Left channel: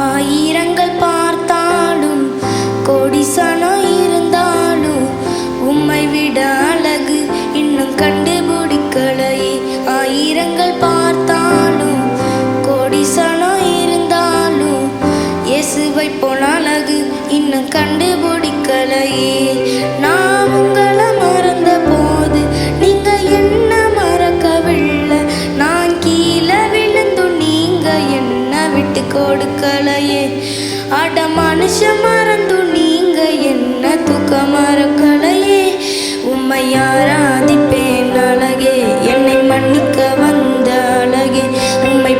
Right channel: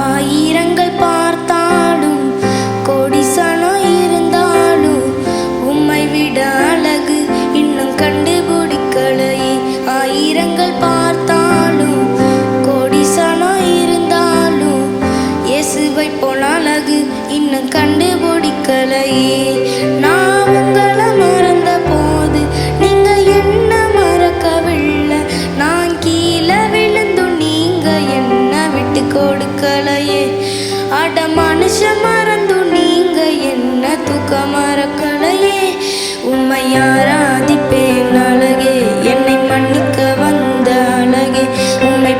ஆயிரங்கள் பார்த்தாலும் கோடிசனம் இருந்தாலும் உம்மை விட அழகு இன்னும் கண்டுபிடிக்கலையே. ஆயிரங்கள் பார்த்தாலும் கோடிசனம் இருந்தாலும் இயேசுவை போல அழகு இன்னும் கண்டுபிடிக்கலையே. நான் உங்களை மறந்த போது நீங்க என்ன மறக்கவில்லை. நான் கீழே விழுந்தும் நீங்க என்ன விட்டு கொடுக்கலையே. அட மனுஷன் மறந்தும் நீங்க என்ன தூக்க மறக்கலையே. உம்மை ஆராதிப்பேன் அழகே, என்னை மன்னிக்க வந்த அழகே. உம்மை